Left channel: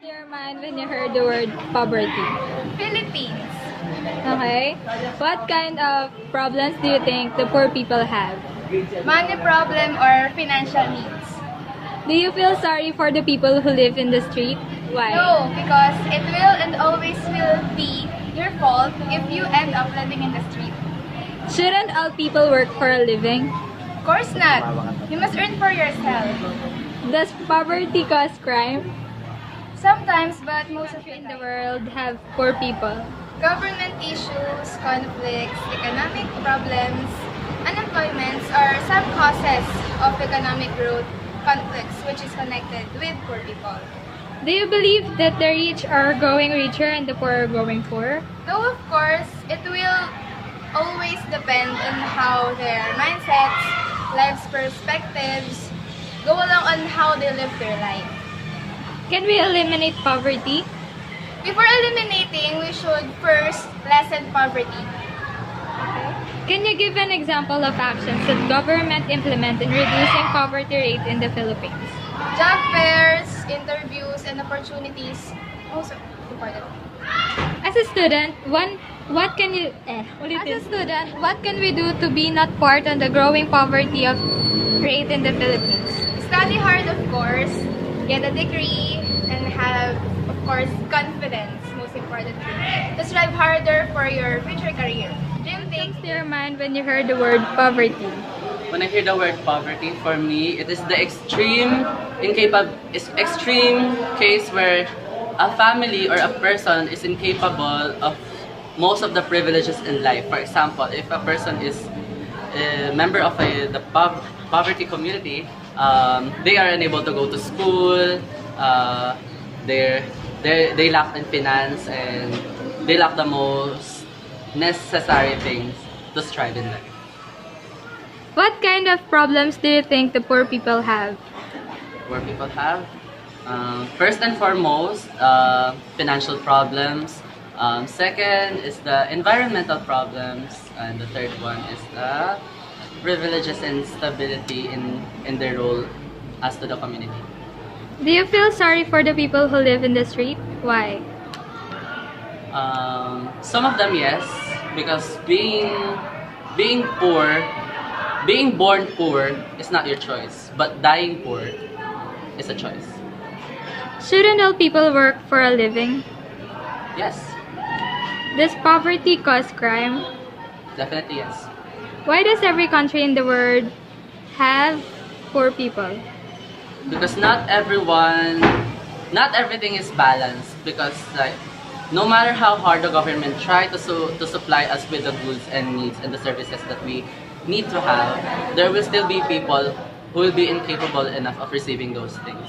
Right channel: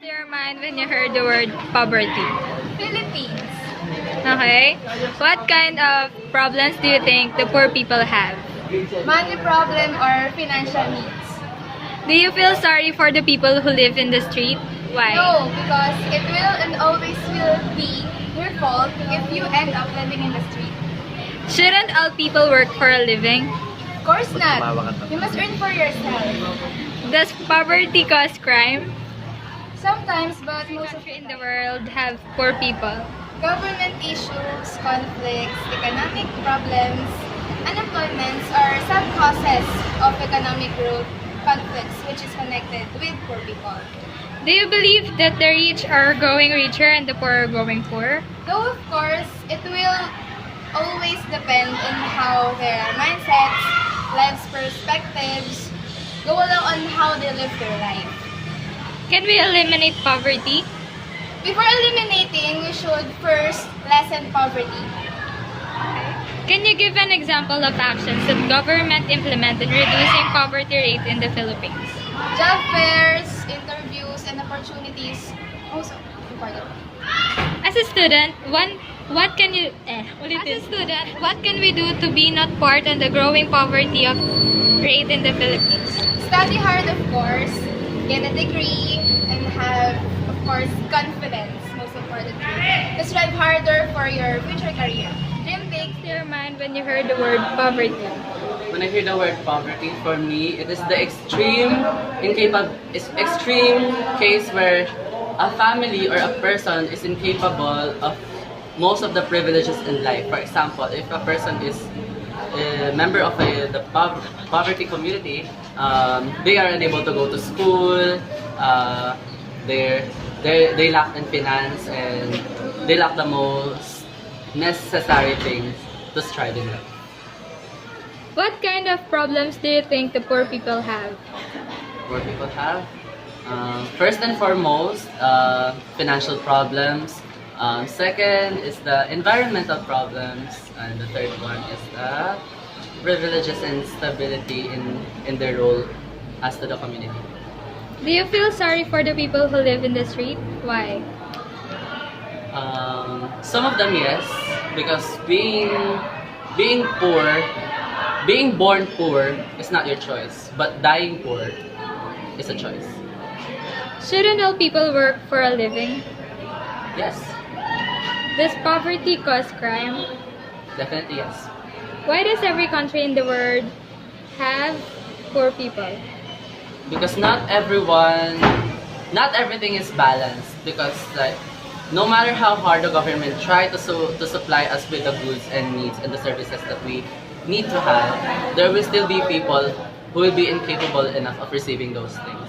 To your mind when you heard the word poverty? Philippines. Okay. What kind of problems do you think the poor people have? Money problem or financial needs? Do you feel sorry for the people who live in the street? Why? No, because it will and always will be your fault if you end up living in the street. Shouldn't all people work for a living? Of course not. You must earn for yourself. Does poverty cause crime? Sometimes, but most of In the the time. world have poor people. Government issues, conflicts, economic problems, unemployments are some causes of economic growth conflicts which is connected with poor people. Do you believe that the rich are growing richer and the poor are growing poorer? Though of course, it will always depend on how their mindsets, life's perspectives go along on how they live their life. Can we eliminate poverty? Before eliminating, we should first lessen poverty. Can you give an example of actions that government implement in reducing poverty rate in the Philippines? Job fairs, interviews, and opportunities also important. As a student, what can you what can we do to be not part on the growing poverty of rate in the Philippines? Study hard, of course, get a degree, and have, of course, confidence, most importantly. To strive harder for your future career. Dream big. To your mind when you heard the word poverty? When I hear the word poverty, for me, it is the extreme case where a family or a person is incapable of most of the privileges in life. For example, if a person is a member of the poverty community, they are unable to go to school, they lack in finance, and they lack the most necessary things to strive in life. What kind of problems do you think the poor people have? Poor people have, first and foremost, financial problems. Second is the environmental problems, and the third one is the privileges and stability in their role as to the community. Do you feel sorry for the people who live in the street? Why? Some of them, yes, because being poor, being born poor is not your choice, but dying poor is a choice. Shouldn't all people work for a living? Yes, Does poverty cause crime? definitely yes. Why does every country in the world have poor people? Because not everything is balanced. Because like, no matter how hard the government try to supply us with the goods and needs and the services that we need to have, there will still be people who will be incapable enough of receiving those things.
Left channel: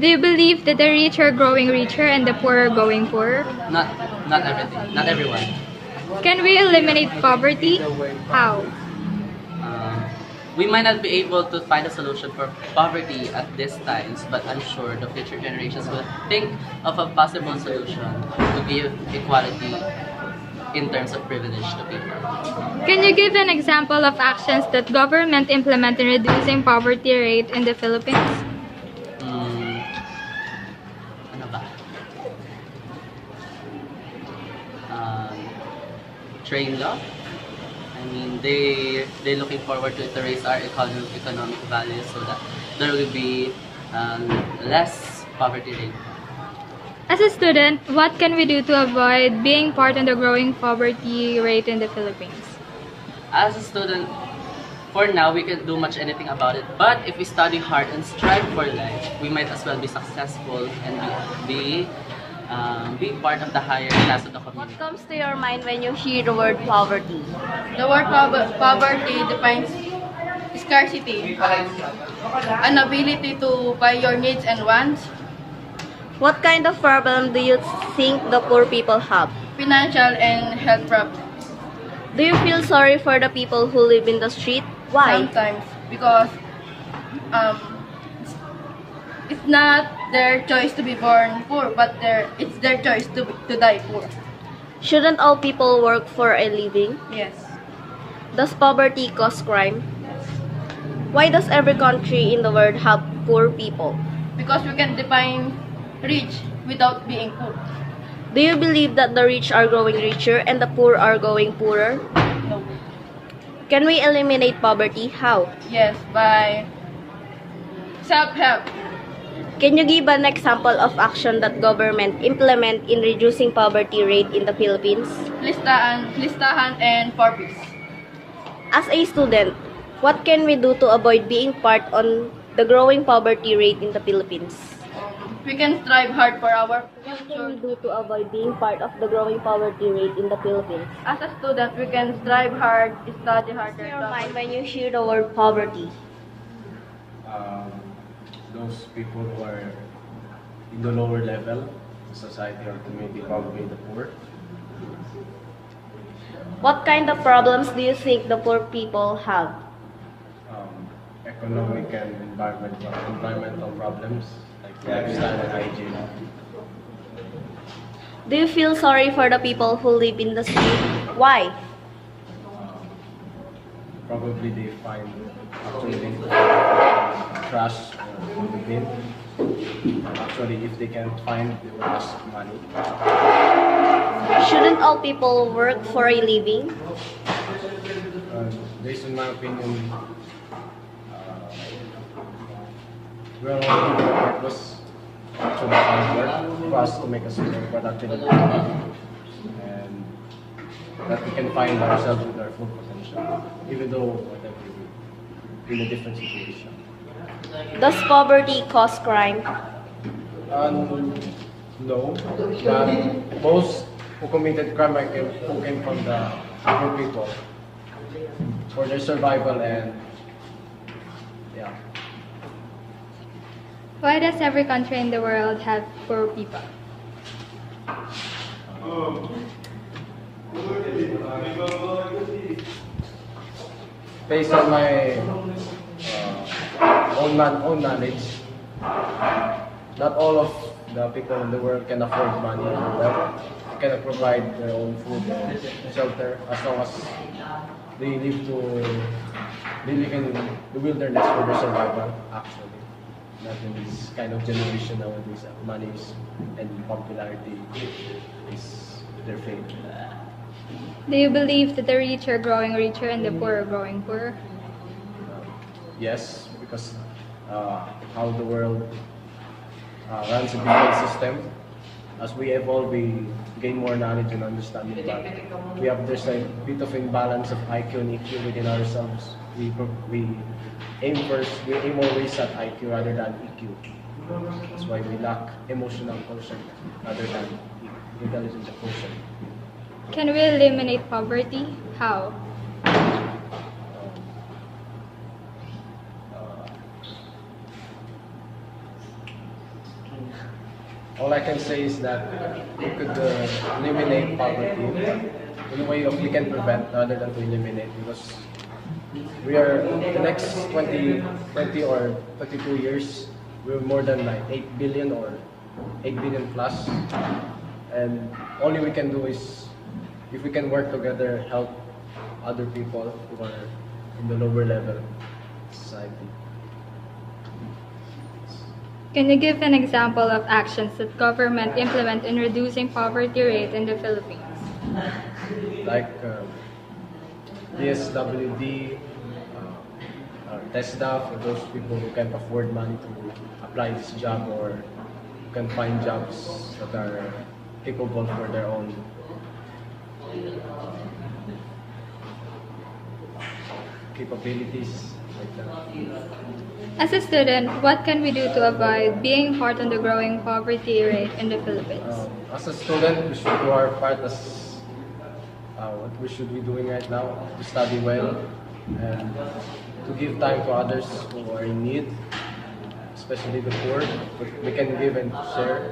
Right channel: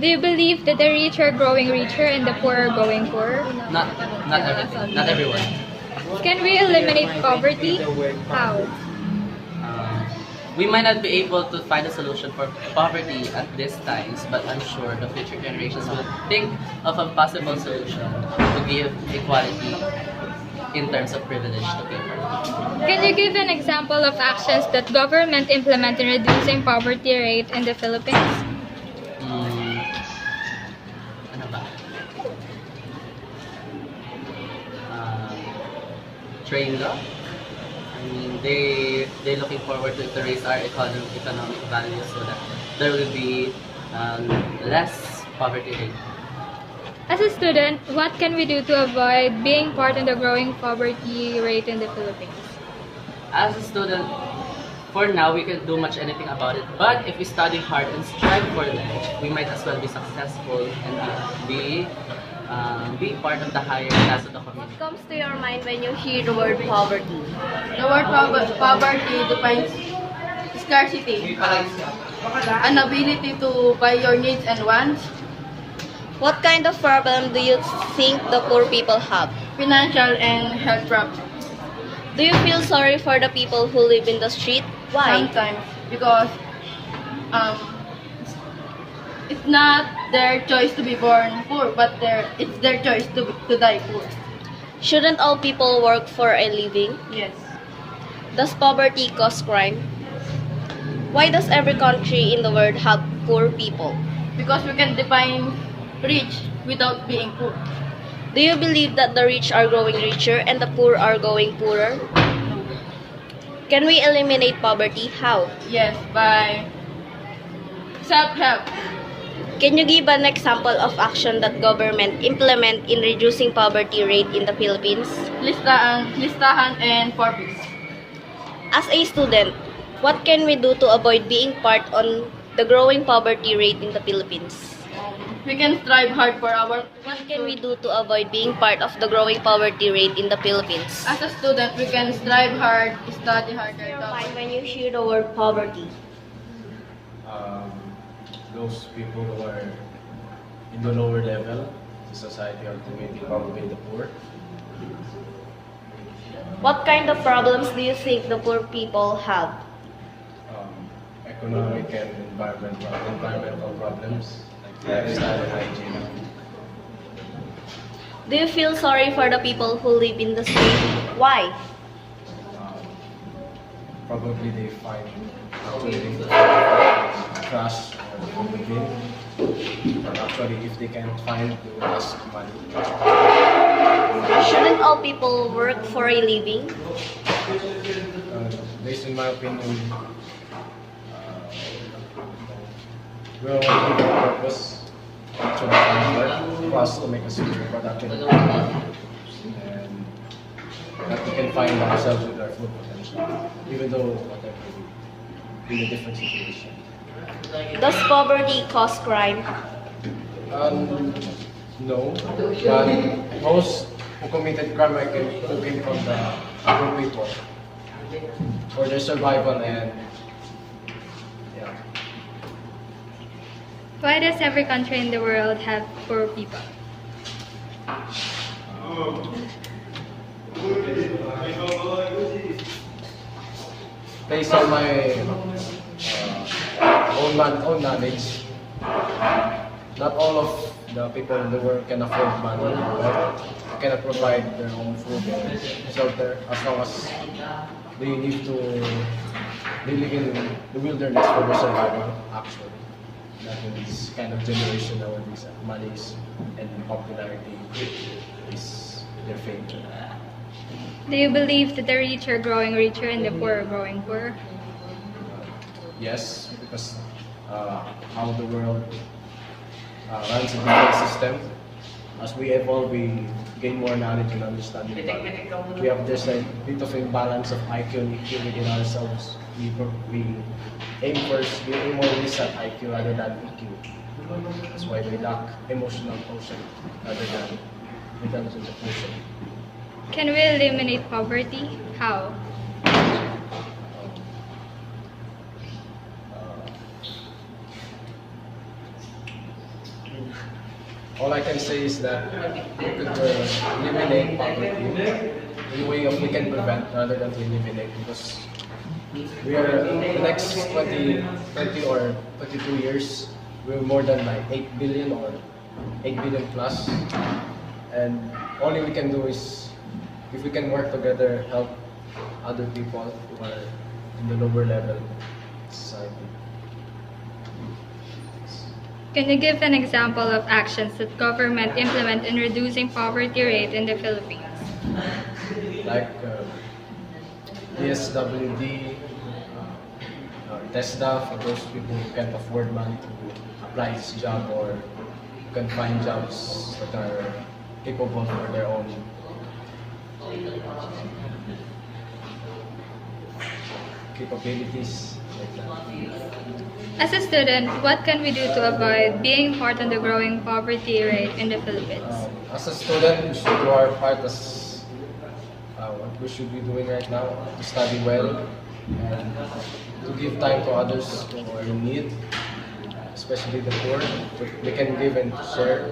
Do you believe that the rich are growing richer and the poor are going poorer? Not everything, not everyone. Can we eliminate poverty? How? We might not be able to find a solution for poverty at these times, but I'm sure the future generations will think of a possible solution to give equality in terms of privilege to people. Can you give an example of actions that government implement in reducing poverty rate in the Philippines? Ano ba? Train law? I mean, they're looking forward to raise our economic value so that there will be less poverty rate. As a student, what can we do to avoid being part in the growing poverty rate in the Philippines? As a student, for now, we can't do much anything about it. But if we study hard and strive for life, we might as well be successful and be part of the higher class of the community. What comes to your mind when you hear the word poverty? The word poverty defines scarcity, inability to buy your needs and wants, What kind of problem do you think the poor people have? financial and health problems. Do you feel sorry for the people who live in the street? Why? Sometimes because it's not their choice to be born poor, but it's their choice to die poor. Shouldn't all people work for a living? Yes. Does poverty cause crime? Why does every country in the world have poor people? Because we can define rich without being poor. Do you believe that the rich are growing richer and the poor are going poorer? No. Can we eliminate poverty? How? Yes, by self-help. Can you give an example of action that government implement in reducing poverty rate in the Philippines? Listahan and purpose. As a student, what can we do to avoid being part on the growing poverty rate in the Philippines? We can strive hard for our. What can we do to avoid being part of the growing poverty rate in the Philippines? As a student, we can strive hard, study harder. Your mind when you hear the word poverty. Those people who are in the lower level of society or community, probably the poor. What kind of problems do you think the poor people have? Economic and environmental problems like lifestyle and hygiene. Do you feel sorry for the people who live in the street? Why? Probably they find actually trash or in the bin. And actually, if they can't find, they will ask money. Shouldn't all people work for a living? Based on my opinion, we're all given a purpose to work for us to make us more productive and that we can find ourselves with our full potential, even though whatever we in a different situation. Does poverty cause crime? No, but most who committed crime who came from the poor people for their survival and yeah. Why does every country in the world have poor people? Based on my own knowledge, not all of the people in the world can afford money. Well, they cannot provide their own food and shelter as long as they live in the wilderness for their survival. Actually, not in this kind of generation nowadays, money and popularity is their fame. Do you believe that the rich are growing richer and the poor are growing poorer? Yes, because how the world runs a different system. As we evolve, we gain more knowledge and understanding. But we have this bit of imbalance of IQ and EQ within ourselves. We aim always at IQ rather than EQ. That's why we lack emotional quotient rather than intelligence quotient. Can we eliminate poverty? How? All I can say is that we could eliminate poverty in a way of we can prevent rather than to eliminate, because we are in the next 20 or 22 years, we're more than like 8 billion or 8 billion plus, and only we can do is if we can work together, help other people who are in the lower level society. Can you give an example of actions that government implement in reducing poverty rate in the Philippines? Like DSWD, TESDA for those people who can't afford money to apply this job or who can find jobs that are capable for their own capabilities like that. As a student, what can we do to avoid being part in the growing poverty rate in the Philippines? As a student, we should do our part as what we should be doing right now, to study well and to give time to others who are in need, especially the poor. We can give and share.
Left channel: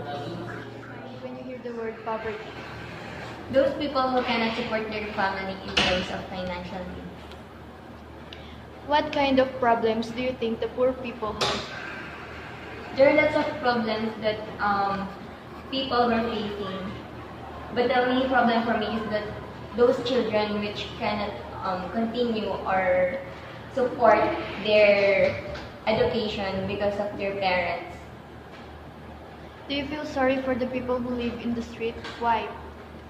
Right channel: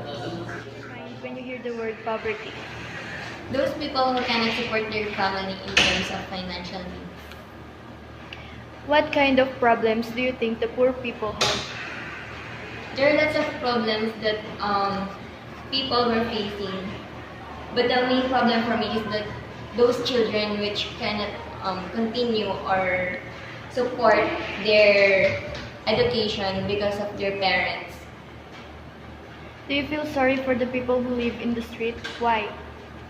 When you hear the word poverty, Those people who cannot support their family in terms of financial needs. What kind of problems do you think the poor people have? There are lots of problems that people were facing, but the main problem for me is that those children which cannot continue or support their education because of their parents. Do you feel sorry for the people who live in the street? Why?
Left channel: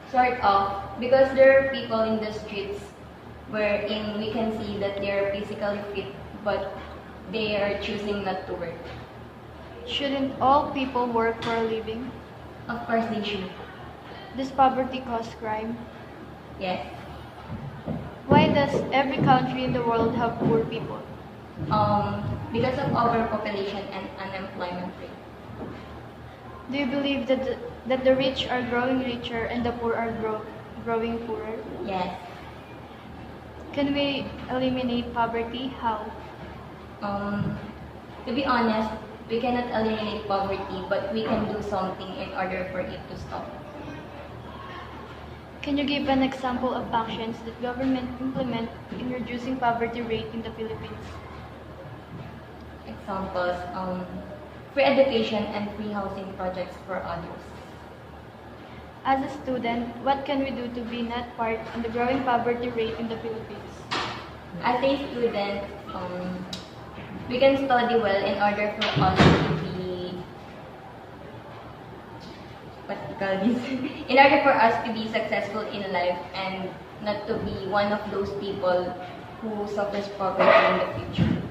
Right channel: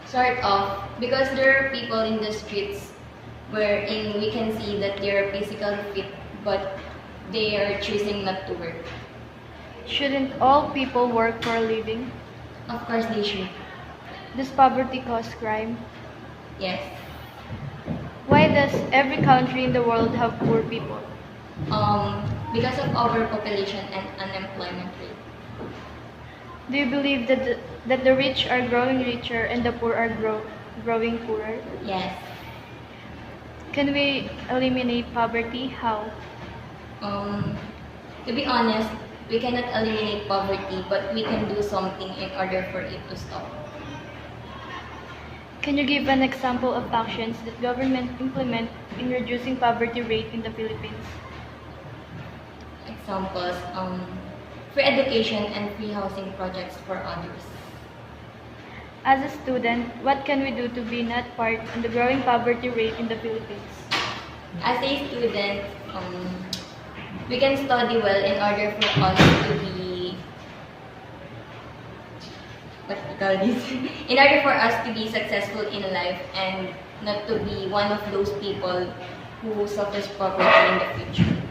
Sort of, because there are people in the streets wherein we can see that they are physically fit, but they are choosing not to work. Shouldn't all people work for a living? Of course, they should. Does poverty cause crime? Yes. Why does every country in the world have poor people? Because of overpopulation and unemployment rate. Do you believe that the rich are growing richer and the poor are growing poorer? Yes. Can we eliminate poverty? How? To be honest, we cannot eliminate poverty, but we can do something in order for it to stop. Can you give an example of actions that government implement in reducing poverty rate in the Philippines? Examples, free education and free housing projects for others. As a student, what can we do to be not part in the growing poverty rate in the Philippines? As a student, we can study well in order for us to be, what do you call this? In order for us to be successful in life and not to be one of those people who suffers poverty in the future.